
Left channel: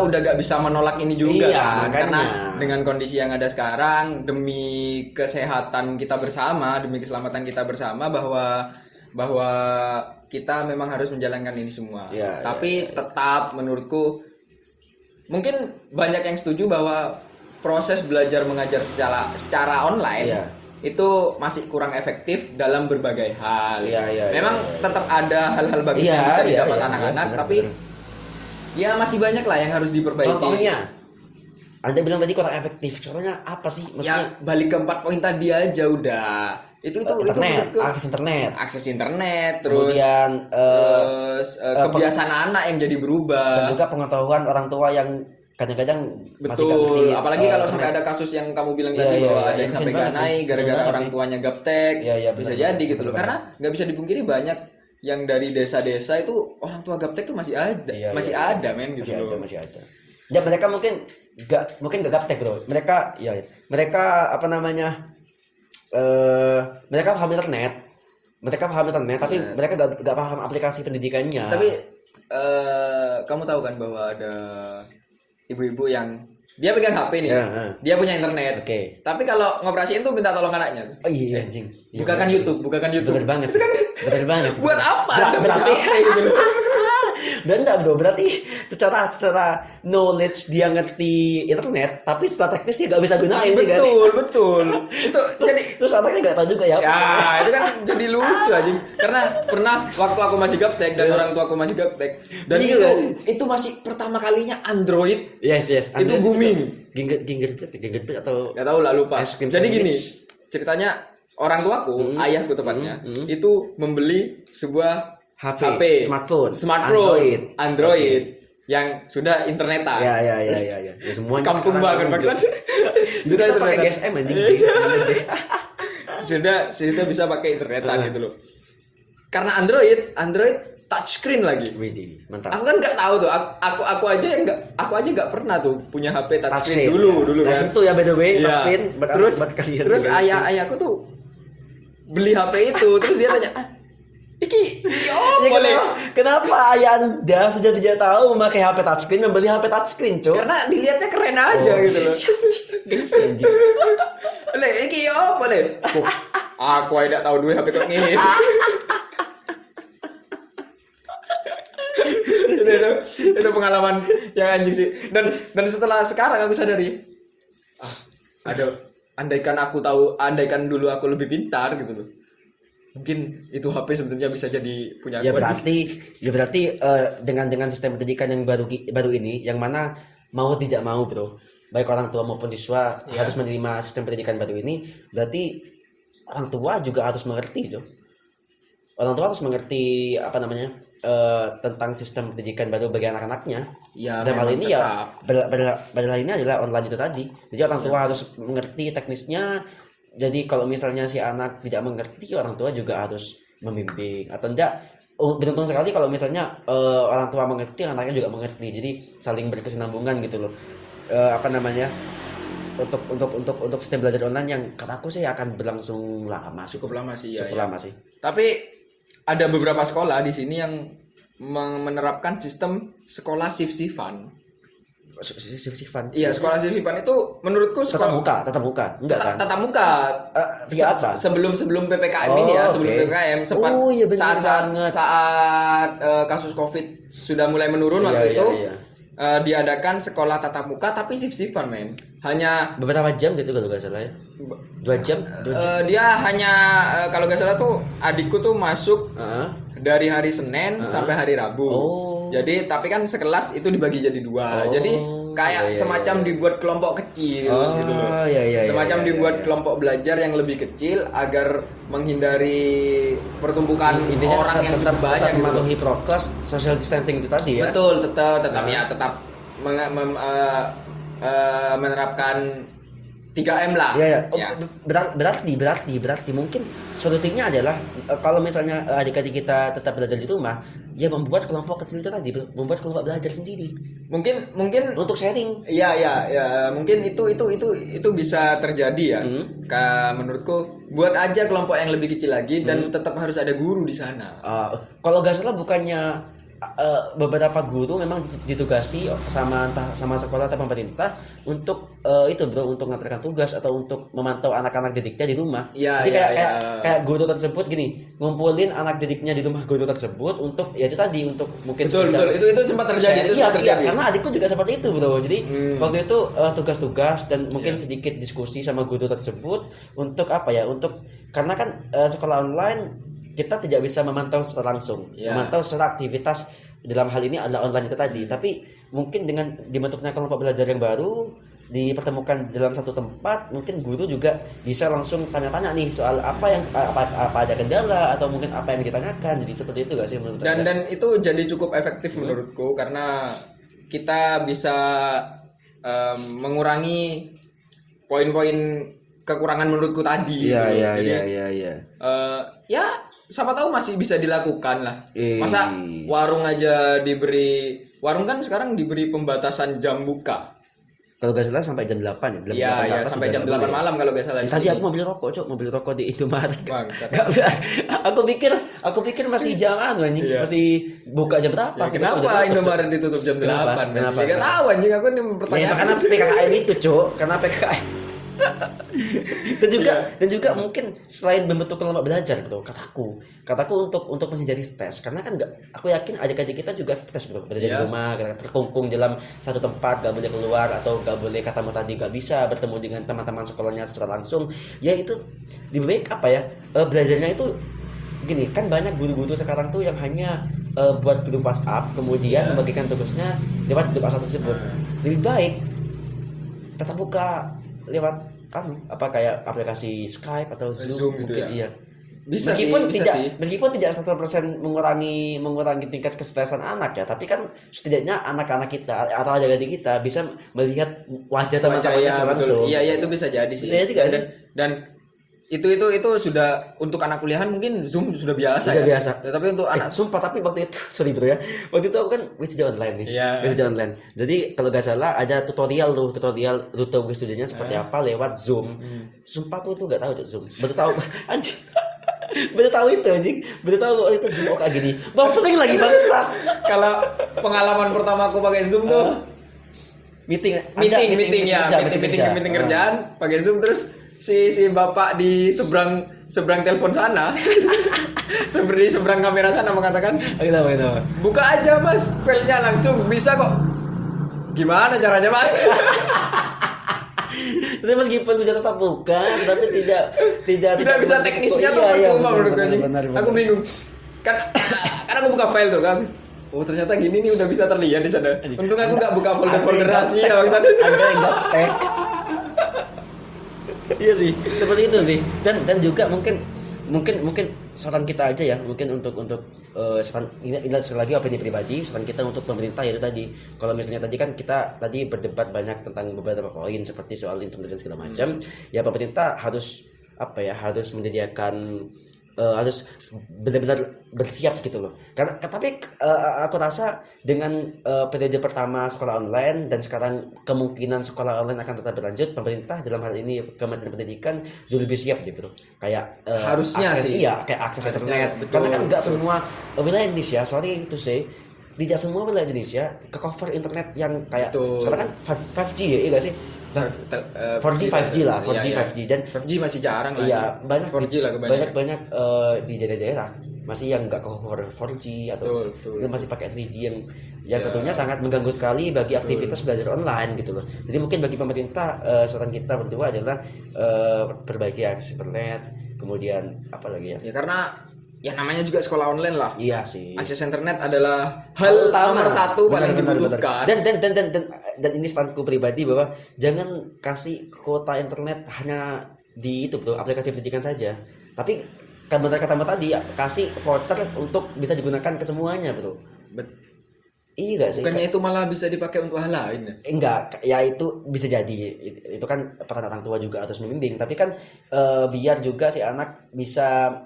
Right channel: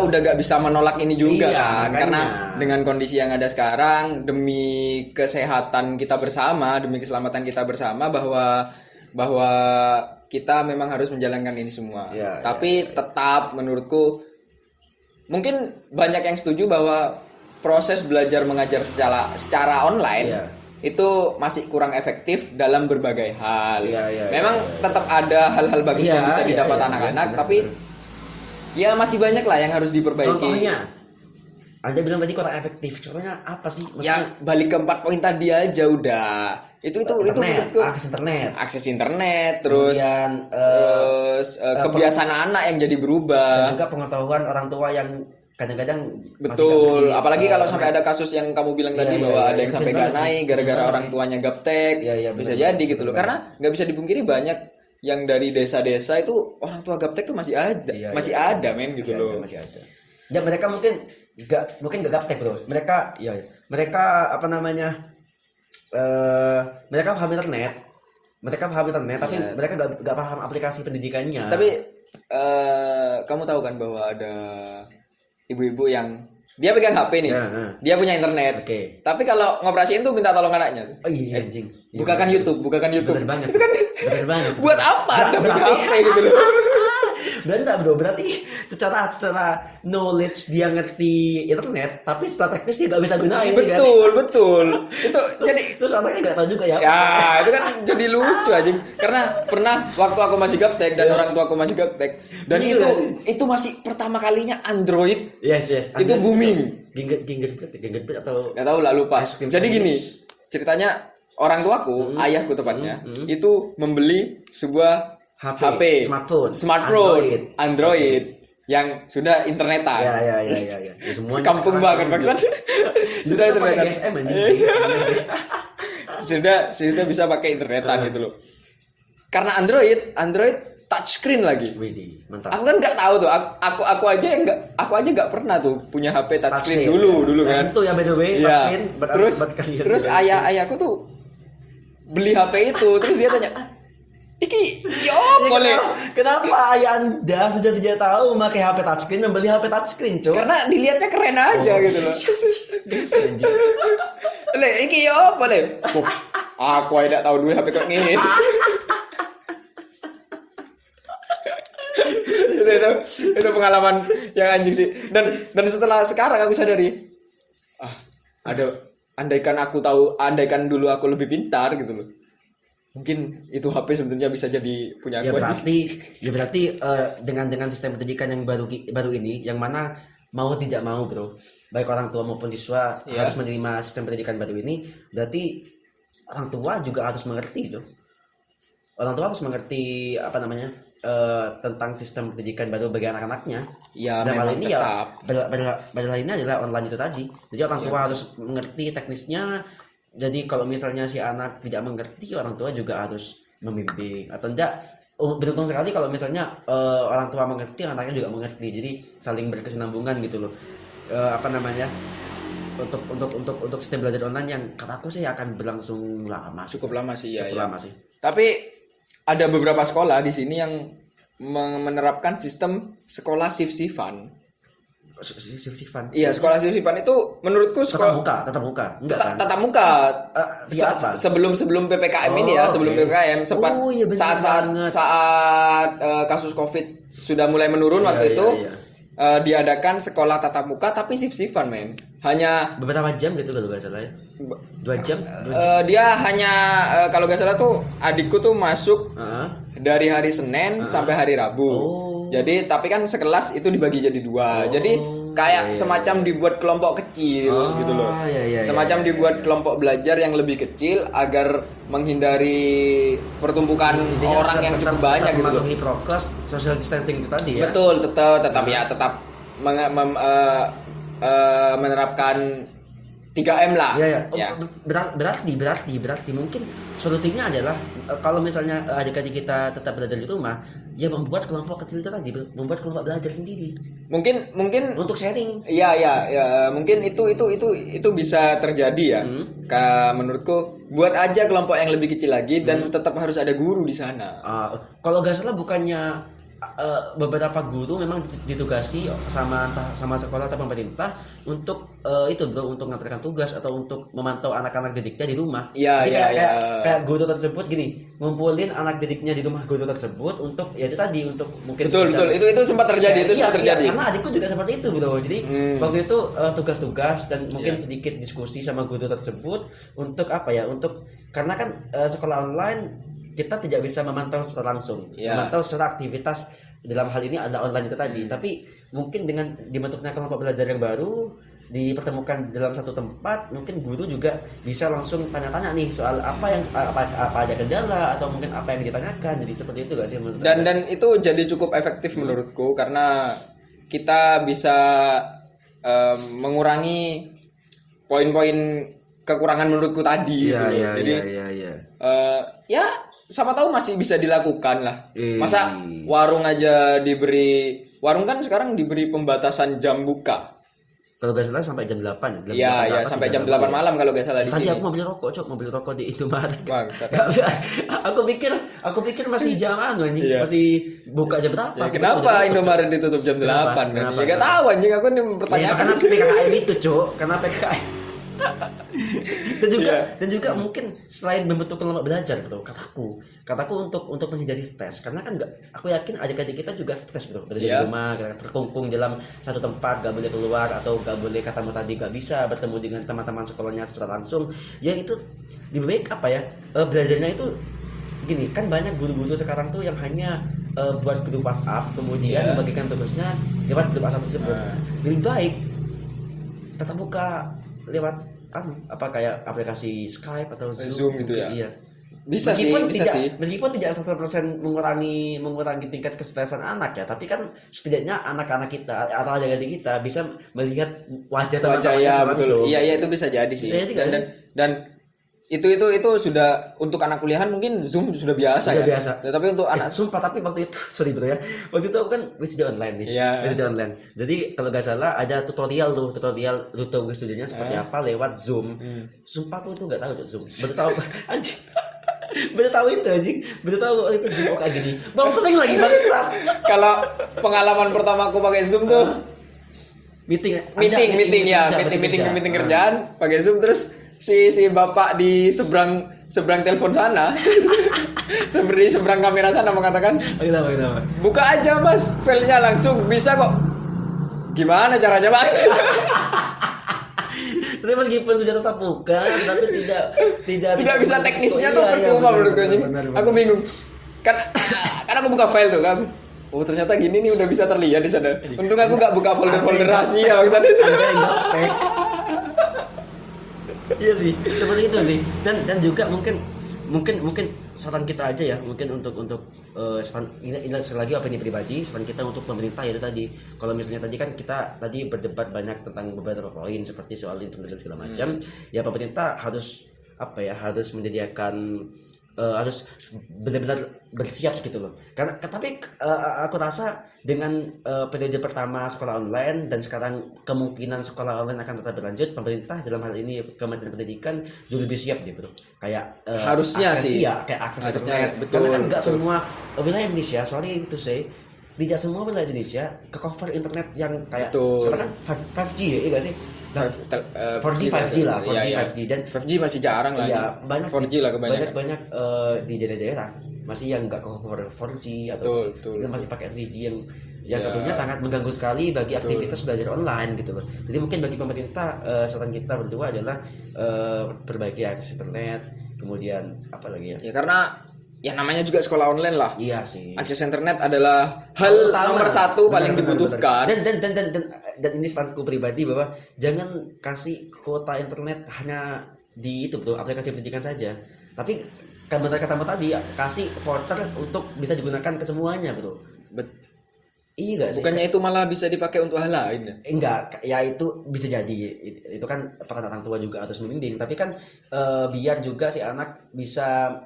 udah gak bisa menolak ini juga Iya, kan, makanya. karena dengan kondisi yang ada sekarang, demi kesehatan kita bersama, demi keselamatan kita bersama, bahwa kita memang harus menjalankan ini semua. Iya, Tapi tetap menurutku mungkin banyak yang setuju bahwa proses belajar mengajar secara online Iya. itu masih kurang efektif dalam berbagai hal. Iya, Memang iya. tetap ada hal-hal bagus yang bisa didapat anak-anak, benar, tapi benar. ya masih banyak lah yang harus diperbaiki. Contohnya, Anda bilang tadi kurang efektif. Contohnya apa sih? Ya Maksudnya balik ke 4 poin tadi aja udah. Itu internet, menurutku akses akses internet. internet, terus Kemudian kebiasaan anak yang jadi dan berubah. juga pengetahuan orang tua yang kadang-kadang masih Betul, ngerti, apalagi kalau internet. sampai ada kasus yang kamu bilang Iya, tadi iya, bahwa iya, ada yang kasian sampai banget gak sih, naik kasian gara-gara banget orang sih. tuanya gaptek. Iya, iya, Bisa benar, jadi benar, gitu loh. benar. Karena nggak bisa dipungkiri banyak yang dari desa-desa itu orang tua gaptek tuh masih ada, Iya, masih iya. ada men gitu Masih loh. ada, masih ada. Dan mereka mungkin gak gaptek, bro. Mereka apa namanya? Mereka paham internet. Tapi Iya. mereka gak paham aplikasi pendidikannya. Tapi kamu tahu kan bahwa ada ibu-ibu yang dia pegang HP nih, Ya, dia punya internet. Oke. Tapi kalau ngoperasiin tuh minta tolong anaknya. Oh iya anjing. Iya, Bukakan bener. YouTube. Bener banget. Itu kan Bener banget. buat apa? Anda punya Berarti HP gitu loh. dan enggak, bro, berarti secara knowledge dia ngerti internet, tapi secara teknis dia gak bisa gunain. ya kan? Betul. Itu jadi Terus anaknya gak tahu juga ya. ya itu kan jadi lucu aja. Karena pernah waktu aku masih gaptek dan orang tua aku masih gaptek dan Gila. itu masih pertama kalinya Android Yes. itu booming. Gingerbread atau Nggak tahu lah, lupa. Es krim Jadi gini, sandwich. ceritanya orang tuaku, ayahku tepatnya, itu membeli sebuah HP, smartphone, Android yang sudah internetan. Ya. Ya, semua Kampung banget maksud. Sudah Sudah pakai internetan. GSM anjing. sudah bisa pakai internetan gitu loh. Karena Android touchscreen lagi. Widih, mantap. Aku kan nggak tahu tuh. Aku aja nggak pernah tuh punya HP touchscreen Touchscreen, dulu ya. kan. Itu ya, by the way, Iya. touchscreen buat kalian. Terus ayahku tuh beli HP itu, terus dia tanya, "Iki yo Ya, boleh?" kenapa ayah Anda sudah tidak tahu memakai HP touchscreen, membeli HP touchscreen, Cuk? Karena dilihatnya keren aja gitu loh. Guys, anjing. Boleh, iki yo boleh. Aku tidak tahu duit HP kok ngene. itu pengalaman yang anjing sih. Dan setelah sekarang aku sadari, andaikan dulu aku lebih pintar gitu loh, mungkin itu HP sebetulnya bisa jadi punya Ya aku. berarti dengan sistem pendidikan yang baru ini, yang mana mau tidak mau bro, baik orang tua maupun siswa harus menerima sistem pendidikan baru ini, berarti orang tua juga harus mengerti tuh. Orang tua harus mengerti apa namanya tentang sistem pendidikan baru bagi anak-anaknya. Ya, Dan hal ini tetap. adalah ini adalah online itu tadi. Jadi orang tua harus mengerti teknisnya. Jadi kalau misalnya si anak tidak mengerti, orang tua juga harus membimbing atau enggak. Beruntung sekali kalau misalnya orang tua mengerti, anaknya juga mengerti. Jadi saling berkesinambungan gitu loh. Apa namanya? Untuk sistem belajar online yang kataku sih akan berlangsung lama. Cukup lama sih ya. Cukup lama sih. Tapi ada beberapa sekolah di sini yang menerapkan sistem sekolah shift-shiftan. Sifan. Iya, sekolah shift-shiftan itu menurutku sekolah Tatap muka. Enggak kan? tatap muka. Tiga apa? Sebelum PPKM ini ya, sebelum oke. PPKM sempat Oh, iya, bener saat kasus Covid sudah mulai menurun Iya, waktu itu. iya. Diadakan sekolah tatap muka tapi shift-shiftan, men. Hanya Beberapa jam gitu kalau nggak salah ya. 2 jam. dia hanya kalau nggak salah tuh adikku tuh masuk Heeh. dari hari Senin sampai hari Rabu. Oh. Jadi tapi kan sekelas itu dibagi jadi dua. Jadi kayak semacam dibuat kelompok kecil gitu loh. Iya, Semacam dibuat kelompok belajar yang lebih kecil agar menghindari pertumbukan orang yang cukup banyak gitu loh. Mematuhi prokes social distancing itu tadi ya. Betul, tetap menerapkan 3M lah. Iya, Ya. Berarti mungkin solusinya adalah kalau misalnya adik-adik kita tetap belajar di rumah, ya membuat kelompok kecil itu tadi, membuat kelompok belajar sendiri Mungkin untuk sharing. Iya, mungkin itu bisa terjadi ya. Menurutku buat aja kelompok yang lebih kecil lagi dan tetap harus ada guru di sana. Kalau nggak salah bukannya beberapa guru memang ditugasi sama sekolah atau pemerintah untuk itu bro, untuk mengantarkan tugas atau untuk memantau anak-anak didiknya di rumah. Iya, Jadi iya. kayak guru tersebut gini, ngumpulin anak didiknya di rumah guru tersebut untuk ya itu tadi, untuk mungkin Betul, itu sempat terjadi, itu sempat terjadi. Karena adikku juga seperti itu bro. Jadi waktu itu tugas-tugas dan mungkin sedikit diskusi sama guru tersebut untuk apa ya? Untuk karena kan sekolah online kita tidak bisa memantau secara langsung, memantau secara aktivitas dalam hal ini adalah online itu tadi. Tapi mungkin dengan dibentuknya kelompok belajar yang baru, dipertemukan dalam satu tempat, mungkin guru juga bisa langsung tanya-tanya nih soal apa ada kendala atau mungkin apa yang ditanyakan. Jadi seperti itu gak sih menurut Anda? Dan itu jadi cukup efektif menurutku karena kita bisa mengurangi poin-poin kekurangan menurutku tadi. Iya. Ya siapa tahu masih bisa dilakukan lah. Masa warung kan sekarang diberi pembatasan jam buka. Kalau gak salah sampai jam 8 ya. Iya, sampai jam 8 malam kalau gak salah di Tadi sini. aku mau beli rokok, mau beli rokok di Indomaret. Bangsat. Aku pikir masih jam anjing, Iya. masih buka jam berapa? Ya, kenapa Indomaret ditutup jam 8? Kenapa? Ya gak tahu anjing, aku nih Ya, pertanyaan. karena PKKM itu, Cuk. Karena PKKM. dan juga mungkin selain membentuk kelompok belajar bro, kataku untuk menghindari stres, karena kan aku yakin adik-adik kita juga stres bro, berada di rumah, terkungkung dalam satu tempat, gak boleh keluar atau gak boleh katamu tadi gak bisa bertemu dengan teman-teman sekolahnya secara langsung. Ya itu lebih baik apa ya, belajarnya itu gini kan, banyak guru-guru sekarang tuh yang hanya buat grup WhatsApp kemudian membagikan tugasnya lewat grup WhatsApp tersebut. Lebih baik tatap muka lewat kayak aplikasi Skype atau Zoom gitu ya. Iya. Bisa Meskipun tidak 100% mengurangi tingkat kesetresan anak ya, tapi kan setidaknya anak-anak kita atau adik-adik kita bisa melihat wajah teman-temannya langsung. Iya, itu bisa jadi sih. Dan itu sudah untuk anak kuliahan mungkin Zoom sudah biasa ya. Biasa. Tapi untuk anak sumpah, tapi waktu itu sorry bro ya. Waktu itu aku kan wisda online nih. Wisda online. Jadi kalau gak salah ada tutorial rute wisudanya seperti apa lewat Zoom. Sumpah aku itu gak tahu Zoom. Baru tahu anjing. Baru tahu itu anjing. Baru tahu itu Zoom kayak gini. Bang penting lagi bangsat. Kalau pengalaman pertama aku pakai Zoom tuh meeting kerjaan pakai Zoom, terus si bapak di seberang telepon sana Seperti seberang kamera sana mengatakan, Kenapa? buka aja mas, filenya langsung bisa kok. Gimana caranya mas? Tapi meskipun sudah tetap buka, tapi tidak Bisa teknisnya tuh Iya, percuma menurut gue anjing. benar. Aku bingung. Kan aku buka file tuh kan. Oh ternyata gini nih udah bisa terlihat di sana. Untung aku nggak buka folder-folder rahasia maksudnya. Anda yang tag. Iya sih, seperti itu sih. Dan juga mungkin saran kita aja ya, mungkin untuk saran ini sekali lagi opini pribadi, saran kita untuk pemerintah ya itu tadi. Kalau misalnya tadi kan kita tadi berdebat banyak tentang beberapa poin seperti soal internet dan segala macam, ya pemerintah harus harus menyediakan harus benar-benar bersiap gitu loh. Karena tapi aku rasa dengan periode pertama sekolah online dan sekarang kemungkinan sekolah online akan tetap berlanjut, pemerintah dalam hal ini Kementerian Pendidikan jauh lebih siap deh bro. Kayak Harusnya akses, sih. iya kayak akses Harusnya, internet. betul, Karena kan nggak betul. semua wilayah Indonesia, sorry to say, tidak semua wilayah Indonesia ke cover internet yang kayak Betul. sekarang kan 5G ya, iya nggak sih? 4G 5G lah, 4G 5G dan 5G masih jarang lah. iya banyak 4G lah kebanyakan. banyak di daerah-daerah masih yang nggak cover 4G atau Betul. itu masih pakai 3G yang Ya. tentunya sangat mengganggu sekali bagi aktivitas belajar online gitu loh. Jadi mungkin bagi pemerintah saran kita berdua adalah perbaiki akses internet, kemudian apa lagi ya? Ya karena ya namanya juga sekolah online lah. Iya sih. Akses internet adalah hal nomor satu paling Benar, dibutuhkan. dan ini saranku pribadi bahwa jangan kasih kuota internet hanya di itu bro, aplikasi pendidikan saja, tapi kan benar kata Mbak tadi kasih voucher untuk bisa digunakan ke semuanya bro. Iya gak sih? Bukannya itu malah bisa dipakai untuk hal lain ya? Enggak, ya itu bisa jadi itu kan peran orang tua juga harus membimbing, tapi kan biar juga si anak bisa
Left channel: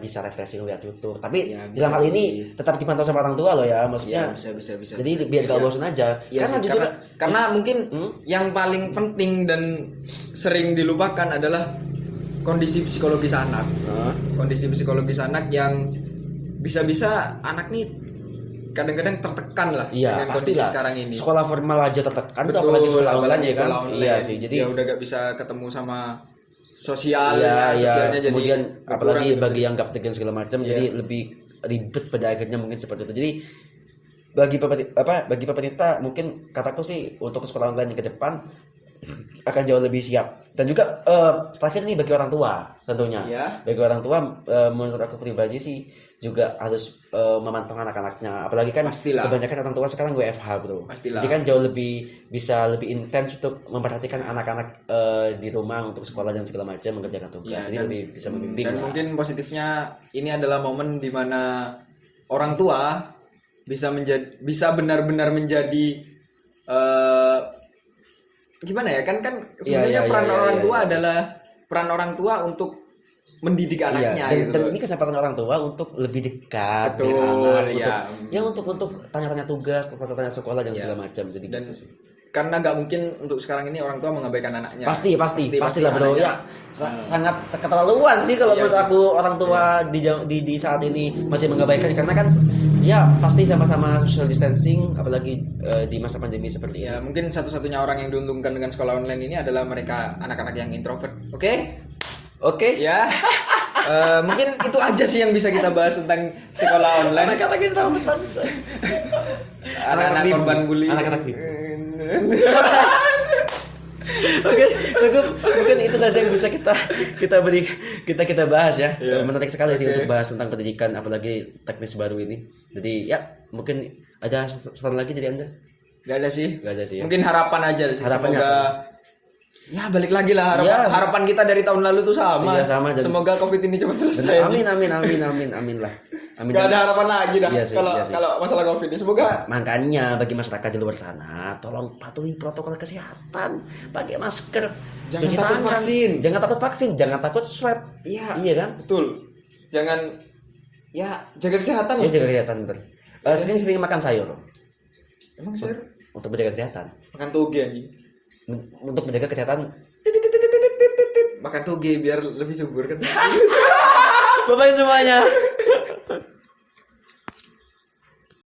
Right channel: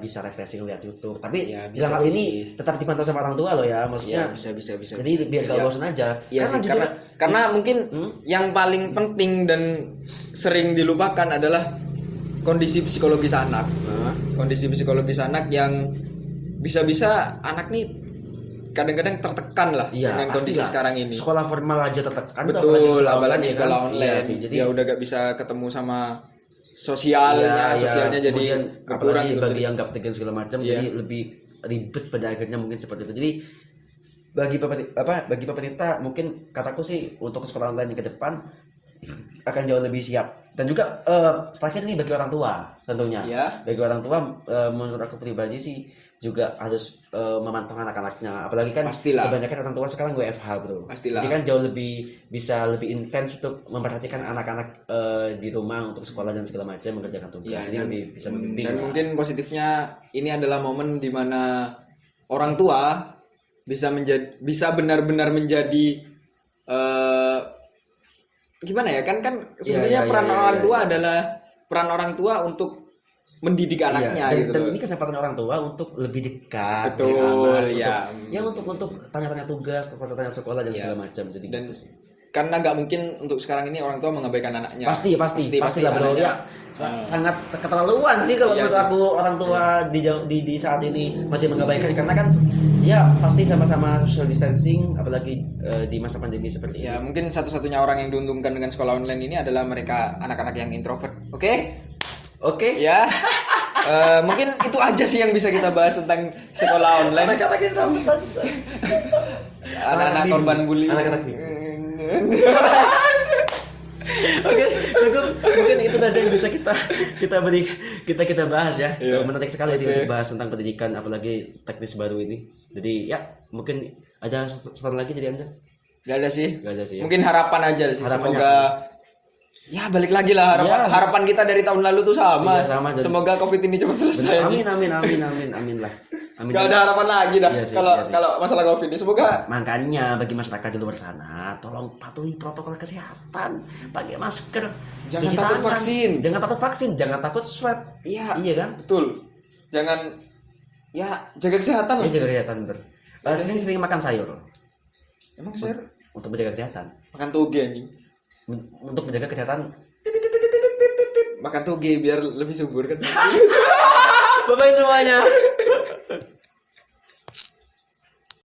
bisa refreshing lihat YouTube, tapi Ya, dalam hal bisa ini sih. tetap dipantau sama orang tua loh ya, maksudnya bisa. jadi biar gak bosan aja. Iya Karena sih, jujur karena mungkin yang paling penting dan sering dilupakan adalah kondisi psikologis anak. Kondisi psikologis anak yang bisa-bisa anak nih kadang-kadang tertekan lah iya dengan kondisi pastilah sekarang ini. sekolah formal aja tertekan, Betul, ya apalagi kan? sekolah online. Iya sih, jadi dia udah gak bisa ketemu sama sosial, sosialnya jadi kemudian berkurang apalagi gitu. bagi yang gaptegan segala macam, jadi lebih ribet pada akhirnya mungkin seperti itu. Jadi bagi pemerintah mungkin kataku sih untuk sekolah online ke depan akan jauh lebih siap, dan juga terakhir nih bagi orang tua tentunya. Iya. Bagi orang tua menurut aku pribadi sih juga harus memantau anak-anaknya, apalagi kan Pastilah. kebanyakan orang tua sekarang WFH bro. Pastilah. Jadi kan jauh bisa lebih intens untuk memperhatikan anak-anak di rumah untuk sekolah dan segala macam mengerjakan tugas. Ya, Jadi lebih bisa membimbing dan lah. mungkin positifnya ini adalah momen di mana orang tua bisa benar-benar menjadi gimana ya kan sebenarnya peran orang tua adalah peran orang tua untuk mendidik anaknya dan, gitu dan loh. ini kesempatan orang tua untuk lebih dekat Betul, dengan anak, ya. untuk tanya-tanya tugas, tanya sekolah dan segala macam. Jadi Dan gitu sih. karena nggak mungkin untuk sekarang ini orang tua mengabaikan anaknya. Pastilah bro anaknya. ya. Sangat keterlaluan sih kalau menurut aku orang tua di saat ini masih mengabaikan, karena kan ya pasti sama-sama social distancing, apalagi di masa pandemi seperti Ya ini. mungkin satu-satunya orang yang diuntungkan dengan sekolah online ini adalah mereka anak-anak yang introvert. Oke. Ya. Mungkin itu aja sih yang bisa kita bahas tentang sekolah online. Anak-anak introvert. Anak-anak korban bully. Anak-anak bibu. Oke, cukup. Mungkin itu saja yang bisa kita beri kita bahas ya. Menarik sekali sih untuk bahas tentang pendidikan, apalagi teknis baru ini. Jadi ya mungkin ada saran lagi dari Anda? Gak ada sih. Gak ada sih. Ya? Mungkin harapan aja sih. Harapannya Semoga ya balik lagi lah harapan kita dari tahun lalu tuh sama. Iya, sama, dan Semoga Covid ini cepat selesai. Amin lah. Amin. Gak ada harapan lagi dah Iya sih, kalau masalah Covid ini. Semoga Makanya bagi masyarakat di luar sana, tolong patuhi protokol kesehatan, pakai masker, Jangan cuci takut tangan. vaksin. Jangan takut swab. Iya kan? betul. Jangan ya jaga kesehatan Ya lah. jaga kesehatan bener. Sering makan sayur Emang sayur untuk menjaga kesehatan. makan toge anjing. Untuk menjaga kesehatan. Makan toge biar lebih subur kan. Bye-bye semuanya.